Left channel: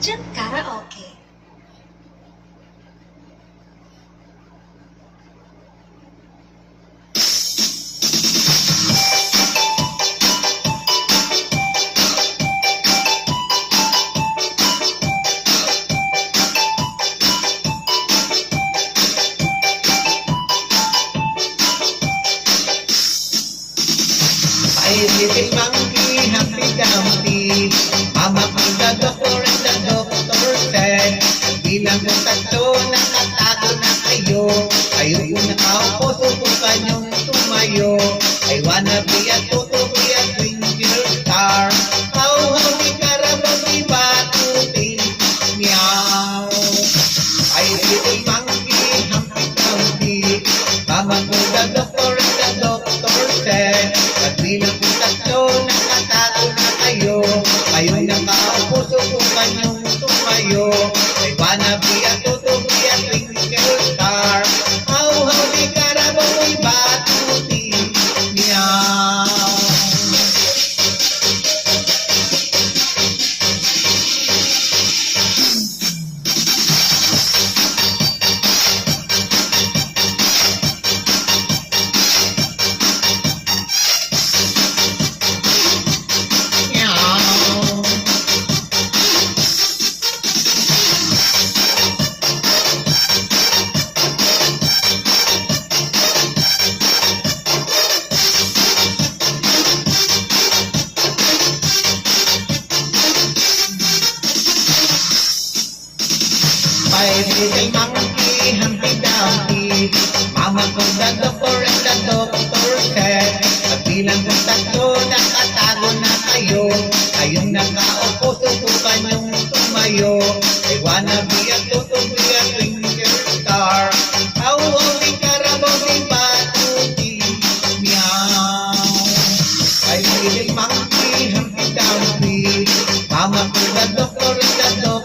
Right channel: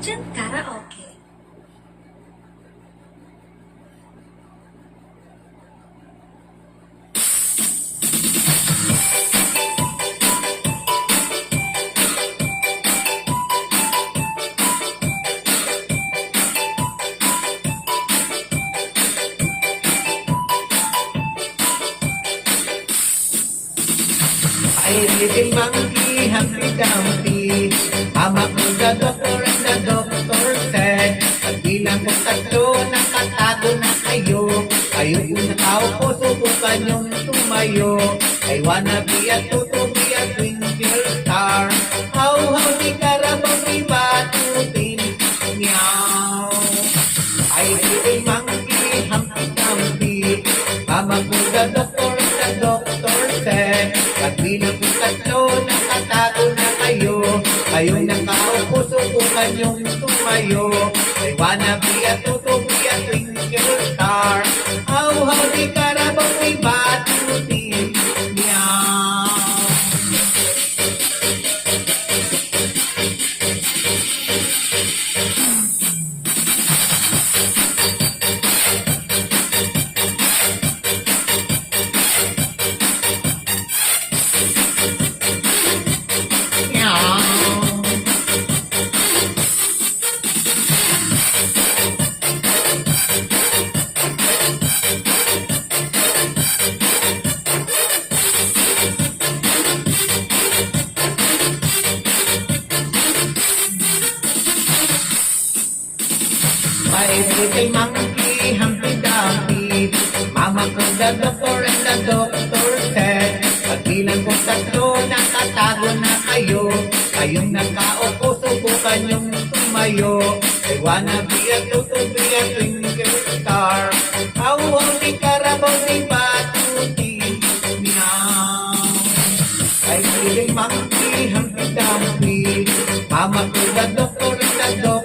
Budget Karaoke. Ay, little monkey, Humpty Dumpty. Mama ko the doctor and the doctor said, bilang ng tatlo, nakatago na kayo. Kayo kung nakaupo, subukan yung tumayo. I wanna be a toto, be a twinkle star. How, di Carabao, di batutin. Meow. Ay, little monkey, Humpty Dumpty. Mama ko the doctor and the doctor said, bilang kung tatlo, nakatago na kayo. Kayong nakaupo, subukan yung tumayo. I wanna be a toto, be a twinkle star. How, di Carabao, di batutin. Meow. Five little monkey, Humpty Dumpty. Mama ko the doctor and the doctor said, bilang kong tatlo, nakatago na kayo. Kayong nakaupo, subukan yung tumayo. I wanna be a toto, be a twinkle star. How, di Carabao, di batuti. Meow. Five little monkey, Humpty Dumpty. Mama ko the doctor and the doctor